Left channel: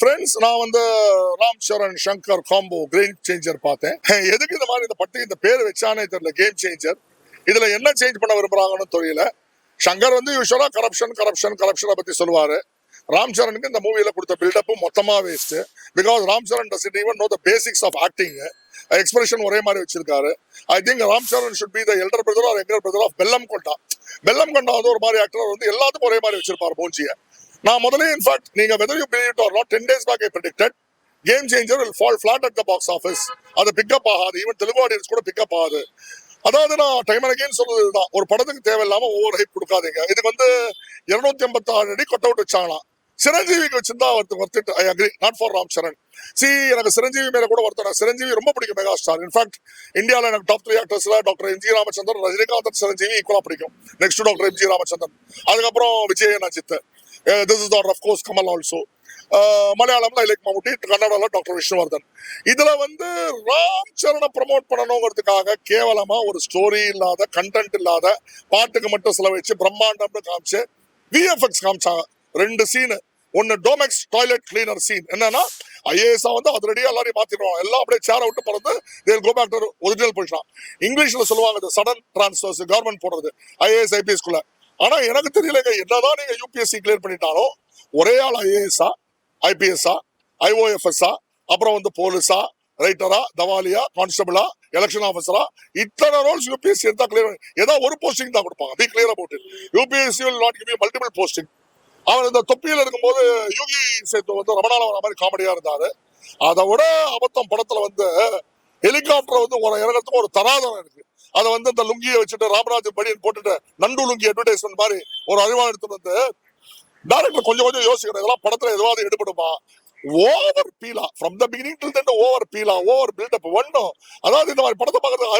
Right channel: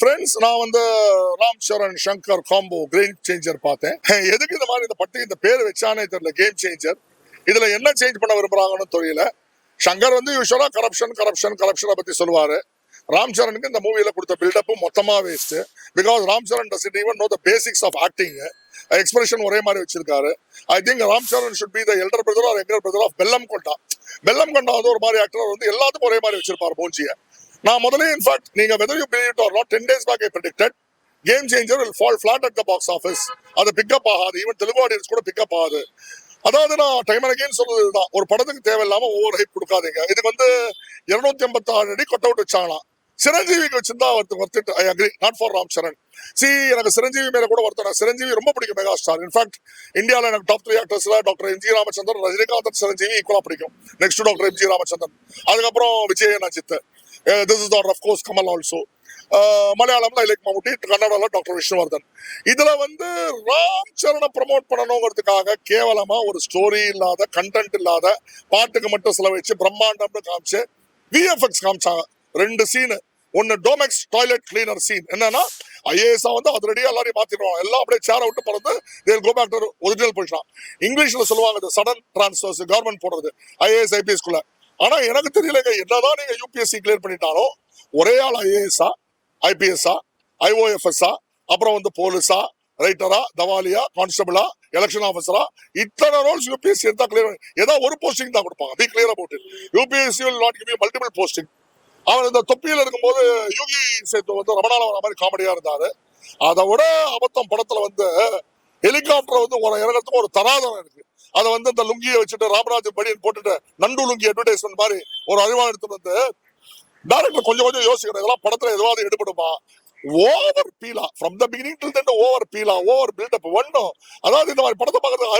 Friends, நான் வந்து Ram Charan Shankar combo game changer பார்த்தேன். எதுக்கு இந்த மாதிரி இந்த பேர் வச்சானே தெரியல. கேம் சேஞ்சர் இதுல என்ன சேஞ்ச் பண்ண விரும்புறாங்கன்னு தெரியல. சங்கர் வந்து யூஸ்வலா கரப்ஷனை பத்தி சொல்லுவாரு. ராம் சரணுக்கு இந்த மூவில கொடுத்த பில்டப் மொத்தமா waste. Because Ram Charan doesn't even know the basics of acting. Expression ஒரே மாதிரி வச்சிருக்காரு. I think Ram Charan should be the elder brother or younger brother of Bellamkonda. Bellamkonda வந்து ஒரு மாதிரி ஆக்டர் வந்து எல்லாத்துக்கும் ஒரே மாதிரி வச்சிருப்பாரு மூஞ்சிய. நான் முதல்ல இன்ஃபேக்ட் நீங்க whether you believe it or not 10 days back I predicted Game Changer will fall flat at the box office. அது பிக்கப் ஆகாது. ஈவன் தெலுங்கு ஆடியன்ஸ் கூட பிக்கப் ஆகாது. அதாவது நான் டைம் அண்ட் அகைன் சொல்றதுதான், ஒரு படத்துக்கு தேவையில்லாம ஓவர் ஹைப் கொடுக்காதீங்க. இதுக்கு வந்து 256 அடி கொட்ட விட்டு வச்சாங்களாம். சிரஞ்சீவிக்கு வச்சிருந்தா ஒருத்தர் I agree, not for Ram Charan. எனக்கு சிரஞ்சீவி மேல கூட ஒருத்தர், சிரஞ்சீவி ரொம்ப பிடிக்கும், மெகா ஸ்டார். இன்ஃபேக்ட் இந்தியாவில் எனக்கு டாப் 3 ஆக்டர்ஸ்ல doctor M G Ramachandran, Rajinikanth, Chiranjeevi ஈக்குவலா பிடிக்கும். Next doctor M G Ramachandran, அதுக்கப்புறம் விஜயன் Ajith. This is of course Kamal also. மலையாளம்ல I like Mammootty, கன்னடால டாக்டர் விஷ்ணுவர்தன். இதுல வந்து ராம் சரண ப்ரமோட் பண்ணணுங்கிறதுக்காக கேவலமா ஒரு ஸ்டோரி இல்லாத, கண்டென்ட் இல்லாத, பாட்டுக்கு மட்டும் செலவழிச்சு பிரம்மாண்டம்னு காமிச்சு விஎஃப்எக்ஸ் காமிச்சாங்க. 2 சீனு. ஒன்னு டோமெக்ஸ் டாய்லெட் கிளீனர் சீன். என்னன்னா ஐஏஎஸ் வந்து அதிரடியா எல்லாரையும் மாத்திடுவாங்க. எல்லாம் அப்படியே சேர விட்டு பறந்து ஒரிஜினல் போயிட்டான். இங்கிலீஷ்ல சொல்லுவாங்க சடன் டிரான்ஸ்ஃபர்ஸ், கவர்மெண்ட் போடுறது ஐஏஎஸ் ஐபிஎஸ் குள்ள. ஆனா எனக்கு தெரியல, என்னதான் நீங்க யூபிஎஸ்சி கிளியர் பண்ணிட்டாலும் ஒரே ஆள் ஐஏஎஸ்ஆ, ஐபிஎஸ்ஆ, ஐஓஎஃப்எஸ்ஆ, அப்புறம் வந்து போலீஸா, ரைட்டரா, தவாலியா, கான்ஸ்டபிளா, எலெக்ஷன் ஆஃபீஸரா, இத்தனை ரோல்ஸ் யூபிஎஸ்சி எடுத்தா கிளியர். ஏதாவது ஒரு போஸ்டிங் தான் கொடுப்பாங்க. B clear about it. UPSC will not give you multiple posting. அவர் இந்த தொப்பியில் இருக்கும்போது யோகி சேத்து வந்து ரமணால வர மாதிரி காமெடியா இருந்தாரு. அதை விட அபத்தம் படத்துல வந்து ஹெலிகாப்டர் வந்து ஒரு இறங்கத்துக்கு ஒரு தராதம் இருக்கு. அதை வந்து இந்த லுங்கியை வச்சுட்டு ராமராஜ் படியன் போட்டுட்டு நண்டு லுங்கி அட்வர்டைஸ்மெண்ட் மாதிரி ஒரு அறிவா எடுத்துட்டு வந்து டைரக்டர் கொஞ்சம் யோசிக்கணும், இதெல்லாம் படத்துல எதுவாவது எடுபடுமா? ஓவர் பீலா from the beginning till then over பீலா, ஓவர் பில்டப் ஒன்னும். அதாவது இந்த மாதிரி படத்தை பார்க்கறதுக்கு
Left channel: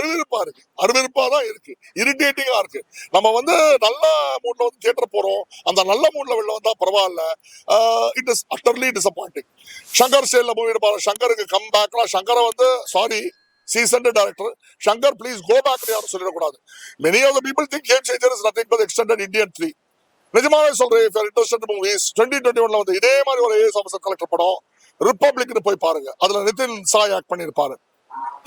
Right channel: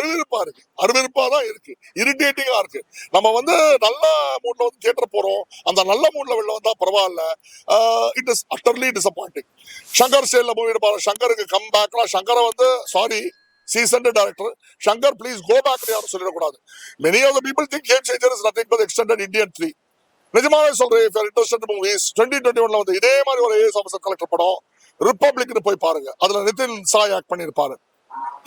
அருவருப்பா தான் இருக்கு, இரிட்டேட்டிங்கா இருக்கு. நம்ம வந்து நல்ல மூட்ல வந்து தியேட்டர் போறோம், அந்த நல்ல மூட்ல வெளில வந்தா பரவாயில்ல. It is utterly disappointing. Shankar சேல்ல மூவி எடுப்பாரு. சங்கருக்கு கம் பேக்லாம் சங்கரை வந்து sorry seasoned director Shankar, please go back to யாரும் சொல்லக்கூடாது. Many of the people think Game Changer is nothing but extended Indian 3. நிஜமாவே சொல்றேன், if you are interested in movies 2021ல வந்து இதே மாதிரி ஒரு ஏஎஸ் ஆஃபீஸர் கலெக்டர் படம் ரிப்பப்ளிக்னு போய் பாருங்க. அதுல நிதின் சாய் ஆக்ட் பண்ணிருப்பாரு.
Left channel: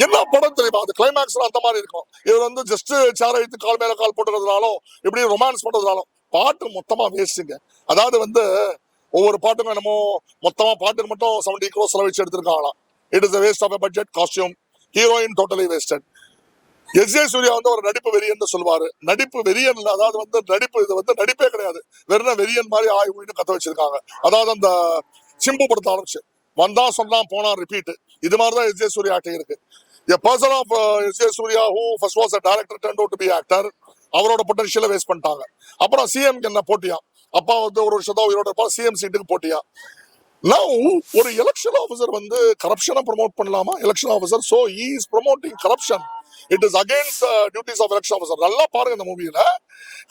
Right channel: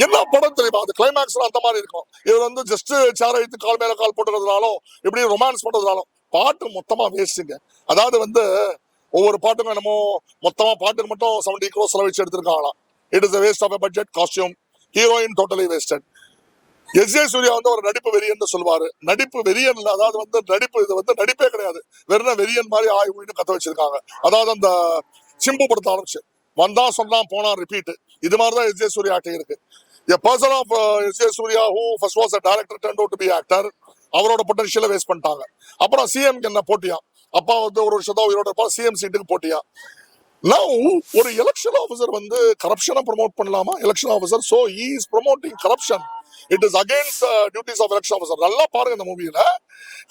என்ன படம் தெரியுமா? அது கிளைமேக்ஸ்ல அந்த மாதிரி இருக்கும். இது வந்து ஜஸ்ட் சேர வைத்து கால் மேல கால் போட்டுறதுனாலும் இப்படி ரொமான்ஸ் பண்றதுனாலும் பாட்டு மொத்தமா வேஸ்ட்டுங்க. அதாவது வந்து ஒவ்வொரு பாட்டுக்கும் என்னமோ மொத்தமா பாட்டுக்கு மட்டும் 70 crores செலவழிச்சு எடுத்திருக்காங்களாம். It is a waste of a budget, costume, heroine totally wasted. S J. Suryah வந்து ஒரு நடிப்பு வெறியன்னு சொல்லுவாரு. நடிப்பு வெறியன் இல்ல, அதாவது வந்து நடிப்பு, இது வந்து நடிப்பே கிடையாது, வெறும் வெறியன் மாதிரி ஆய்வு கத்த வச்சிருக்காங்க. அதாவது அந்த சிம்பு படத்தை ஆரம்பிச்சு வந்தா சொன்னா போனா ரிப்பீட், இது மாதிரிதான் எஸ்.ஜே. சூர்யா ஆக்டிங் இருக்கு. A person of S.J. Surya who first was a director turned out to be actor. அவரோட பொட்டன்ஷியலை வேஸ்ட் பண்ணிட்டாங்க. அப்புறம் சிஎம்க்கு என்ன போட்டியா? அப்பா வந்து ஒரு வருஷம் தான் உயிரோட இருப்பா, சிஎம் சீட்டுக்கு போட்டியா? Now, ஒரு எலெக்ஷன் ஆஃபீஸர் வந்து கரப்ஷனை ப்ரமோட் பண்ணலாமா? Election officer, so he is promoting corruption. It is against the duties of election officer. நல்லா பாருங்க இந்த மூவியில.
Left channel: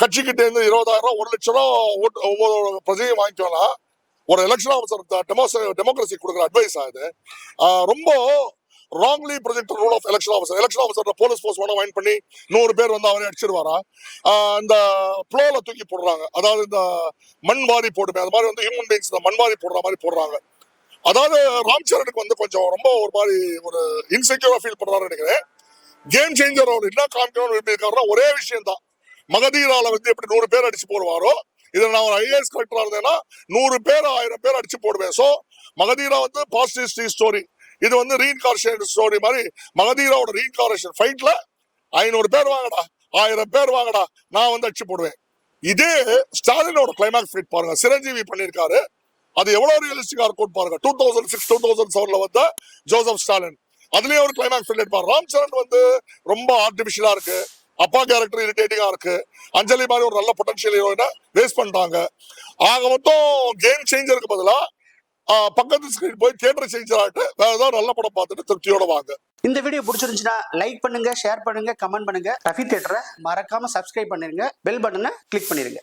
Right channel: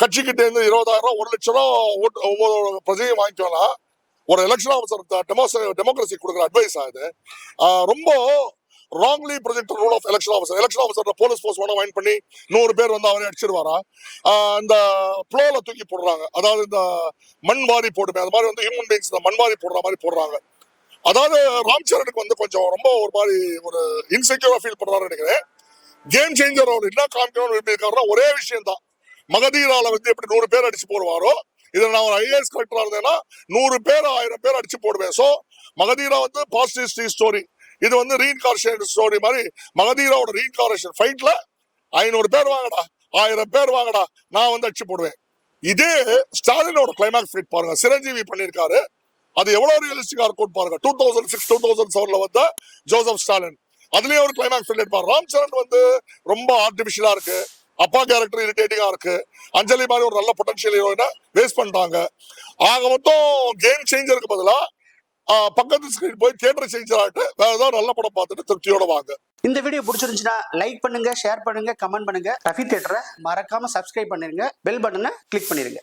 கட்சிக்கிட்ட இருந்து 20,000, 1 லட்சம் ஒவ்வொரு பிரஜையும் வாங்கிக்கலாம். ஒரு எலெக்ஷன் ஆஃபீஸர் டெமோக்ரஸி கொடுக்குற அட்வைஸ் ஆகுது. ரொம்ப wrongly project rule of election officer. Election officer police post வேணா வாங்கி பண்ணி 100 பேர் வந்து அவரே அடிச்சிருவாரா? இந்த ப்ளோல தூக்கி போடுறாங்க. அதாவது இந்த மண்வாரி போடுமே, அது மாதிரி வந்து ஹியூமன் பீங்ஸ் இந்த மண்வாரி போடுற மாதிரி போடுறாங்க. அதாவது ராம் சரணுக்கு வந்து கொஞ்சம் ரொம்ப ஒரு மாதிரி ஒரு இன்செக்யூரா ஃபீல் பண்றாரு நினைக்கிறேன். கேம் சேஞ்சர் அவர் என்ன காமிக்கணும்னு ஒரே விஷயம் தான். மகதீரால வந்து எப்படி 100 பேர் அடிச்சு போடுவாரோ, இதுல நான் ஒரு ஐஏஎஸ் கலெக்டரா இருந்தேன்னா 100 பேர் 1000 பேர் அடிச்சு போடுவேன். சோ மகதீரா வந்து பாசிட்டிவ் ஸ்டோரி, இது வந்து ரீஇன்கார்ஷன் ஸ்டோரி மாதிரி. மகதீராவோட ரீஇன்கார்ஷன் ஃபைட்ல 500 பேர் வாங்கடா, 1000 பேர் வாங்கடா, நான் வந்து அடிச்சு போடுவேன். இதே ஸ்டாலினோட கிளைமேக்ஸ் ஃபைட் பாருங்க, சிரஞ்சீவி பண்ணிருக்காரு. அது எவ்வளவு ரியலிஸ்டிக்கா இருக்கும் பாருங்க. 2006, 2007ல வந்த ஜோசப் ஸ்டாலின், அதுலயே ஒரு கிளைமேக்ஸ் ஃபைட் எடுப்பாரு. ராம் சரண் வந்து ரொம்ப ஆர்டிபிஷியலா இருக்கு, அப்பா கேரக்டர் இரிட்டேட்டிங்கா இருக்கு. அஞ்சலி மாதிரி ஒரு நல்ல பொட்டன்ஷியல் ஹீரோயினை வேஸ்ட் பண்ணிட்டாங்க. ஆக மொத்தம் கேம் சேஞ்சருக்கு பதிலா பக்கத்து ஸ்கிரீன் போய் தியேட்டர் சேஞ்சர் ஆகிட்டு வேற ஏதாவது நல்ல படம் பார்த்துட்டு திருப்தியோட வாங்க. இந்த வீடியோ பிடிச்சிருந்துச்சுன்னா லைக் பண்ணுங்க, ஷேர் பண்ணுங்க, கமெண்ட் பண்ணுங்க. ரஃபி தியேட்டரை மறக்காம சப்ஸ்கிரைப் பண்ணிருங்க, பெல் பட்டனை கிளிக் பண்ணிருங்க.